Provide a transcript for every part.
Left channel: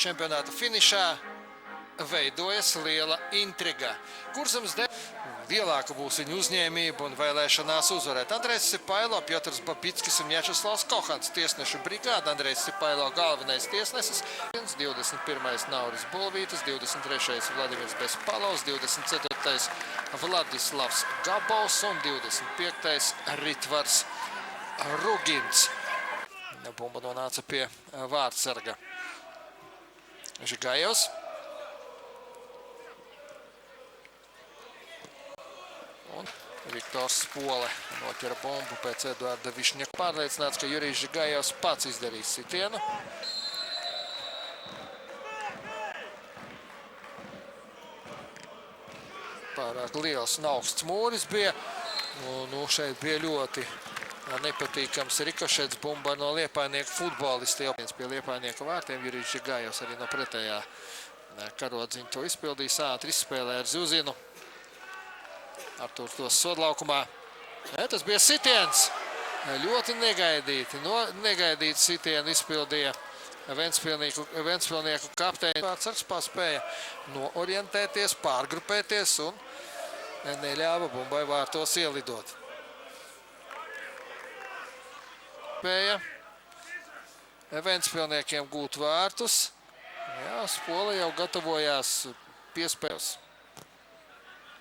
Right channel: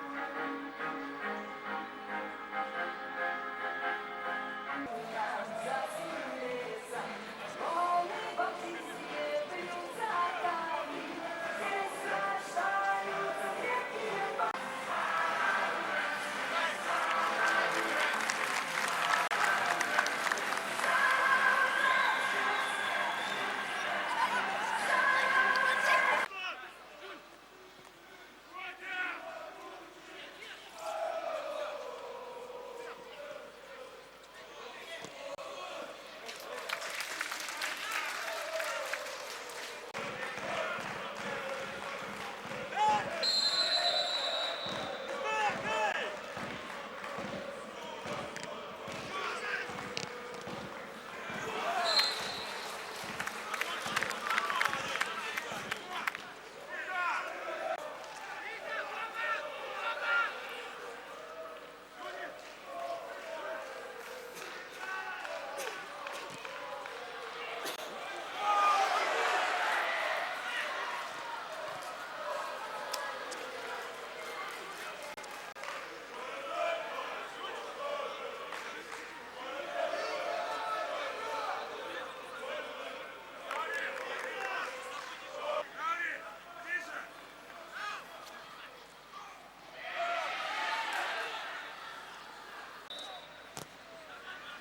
čempionāta finišā veidojas liela intriga. Kurzemes lielāka būs viņa uzņēmība un vēlēšanās uzvarēt. Andrejs Sipailo, Piotrs Babickis un Mjačeslavs Kohants tiesnešu brigāda. Andrejs Sipailo galvenais tiesnesis. 21. Nauris Bolvītis, 23. Vladimirs Bespalovs, 24. Vladislavs Gabals un 25. Ritvars Rugins. Bumba nonāca pie vārdsarga Žigajevs. Viktors Spola nopira bumbu pēc Eduarda Višņaka. Pārliecināts, ka Jurijs Žigajevs pats izdarīs sitienu. Pārāk liels un augsts mūris bija. Šeit bija ļoti nepatīkams rikošets bumba no Liepājnieku futbolistiem. Pie Liepājnieku vārtiem Jurijs Žigajevs arī no pretējā karodziņa to izpildījis. Ātri izspēlē ar Zuzinu. Aptūr tos sodlaukumā. Tas bija sitiens. Ļoti negaidīti sitienu izpildīja Ventspilnieku kapteini. Vārdsargs paspēja noorientēties, pārgrupēties un neļāva bumbai vārtos ielidot. Spēja Ventspilniekiem gūt vārtus. Spola jau gatavojās piespēles.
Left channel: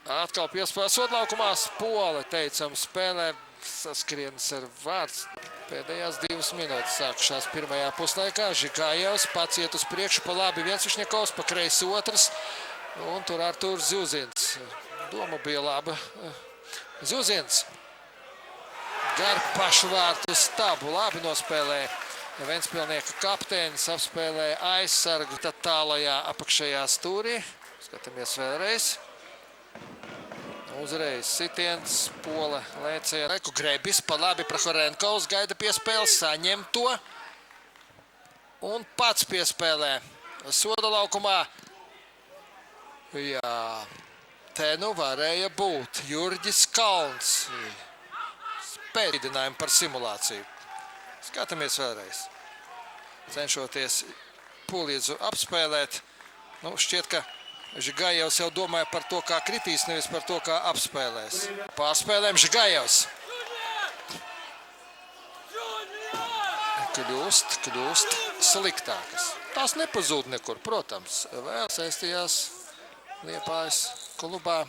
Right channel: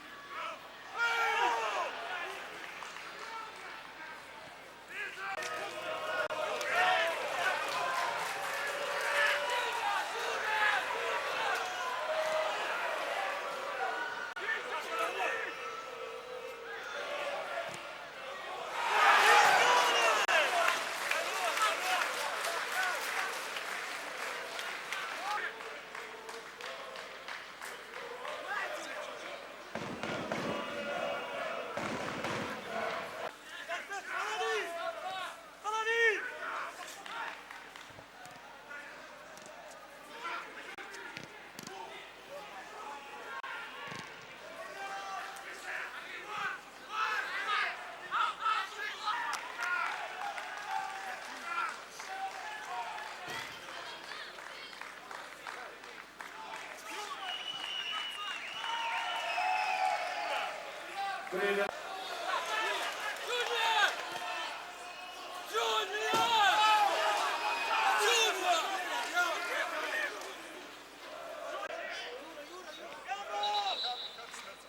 Atkal piespēles sodlaukumā. Spola, teicam, spēlē saskrienas ar vārds. Pēdējās 2 minūtes sākušās pirmajā puslaikā. Žigajevs pats iet uz priekšu, pa labi Viesvišņakovs, pa kreisi otrs. Un tur Artūrs Zuzins. Doma bija laba. Zuzins. Gar pašu vārtu stabu. Labi nospēlēja Ventspilnieku kapteinis. Apspēlēja aizsargu tad tālajā apakšējā stūrī. Skatāmies vēlreiz. Uzreiz sitiens. Spola lēcēja. Reku Grebis pa labi Prahorenkovs gaida piespēles. Saņem to. Un pats piespēlē. Soda laukumā. Jā. Te nu varēja būt Jurģis Kalns. Pēdinājumi par simulāciju. Skatāmies vēlreiz. Cenšoties Pulīdzu apspēlēt. Šķiet, ka Žigajevs jau domāja par to, kā kritīs, nevis par to, kā apspēlēs. Pārspēlēm Žigajevs. Kļūst sliktāks. Tās nepazūd nekur, protams. Vēl saistījās Liepājas klubā.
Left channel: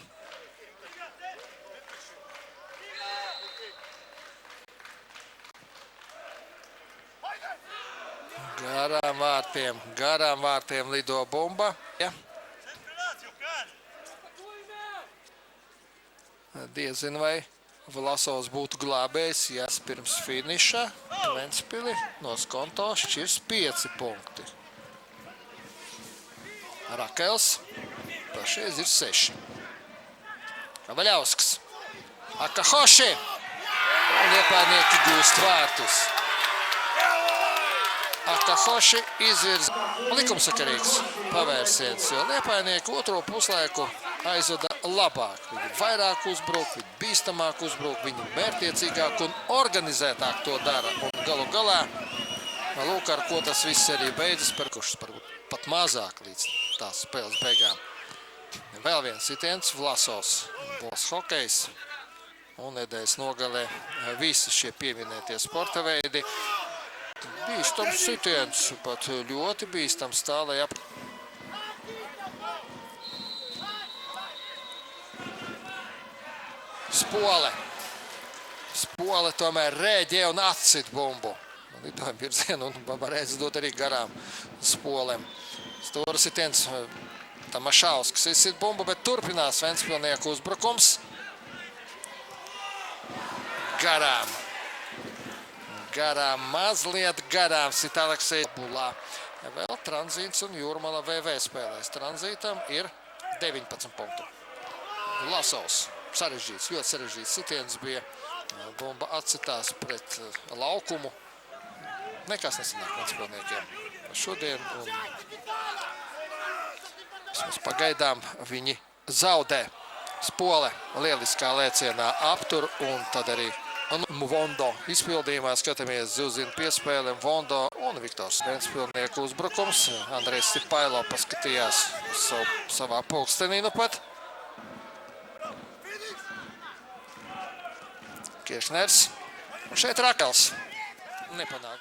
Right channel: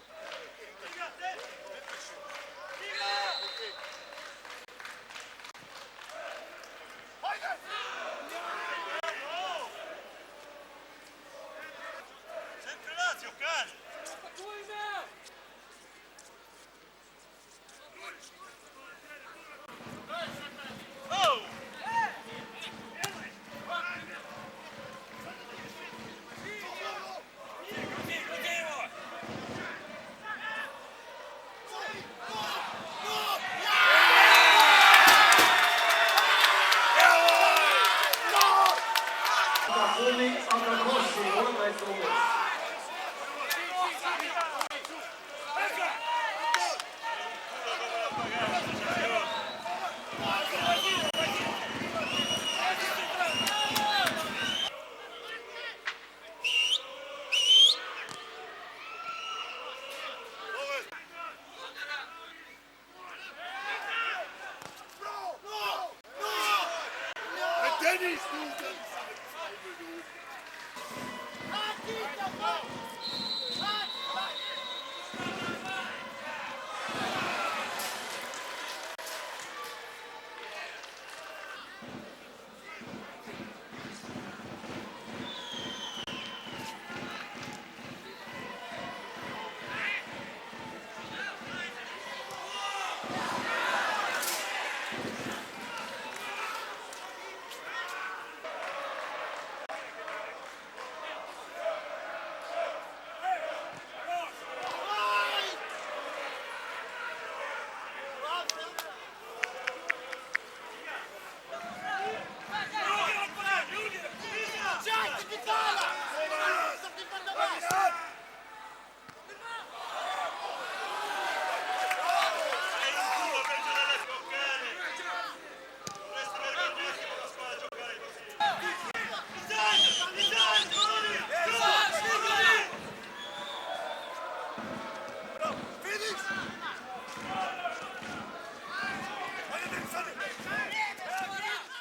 Garām vārtiem lido bumba. Diezin vai Vlasovs būtu glābējis, ja pirms finiša Ventspili no skonto šķirs 5 punkti. Rakels, pašreiz ir 6. Vaļausks. Akahoši. Liepājnieki gūst vārtus. Akahoši izvirza likumsakarīgs pavērsiens. Liepājnieki otro puslaiku aizvada labāk. Vairāk uzbruk, bīstamāk uzbruk, viņi mērķiecīgāk un organizētāk to dara. Galu galā, lūk, ar ko tas viss arī beidzas, pat mazāk līdz tās spēles beigām. Vēl viens sitiens, Vlasovs, hokejs un nedēļas nogalē visi šie pieminētie sporta veidi. Bīstams sitiens, pat ļoti bīstams tālai ap. Spola tomēr rēģē un atcit bumbu. Lidojam virzienu un varēs dot arī garām Spolem. Stūra sitiens, Tamašausks izsit bumbu, bet turpinās Ventspilnieku uzbrukums. Garām, mazliet garām sit Aleksejs Bulā. Vēl Tranzīts un Jūrmala VV spēlēs. Tranzītam ir 19 punktu. Vlasovs, sarežģīts, ļoti sarežģīts sitiens bija. Bumba atcitās pret laukumu. Nekas nesanāk Ventspilniekiem. Šodien pagaidām viņi zaudē. Spole lieliskā lēcienā aptur un tad arī Un Vondo izpildījumā skatāmies Zilzina piespēli, Vondo un Viktors Spēlnieku uzbrukums. Andrejs Stipailo paskatījās savā pulkstenī nu pat. Kiršners. Šeit Rakels. Nepanāk.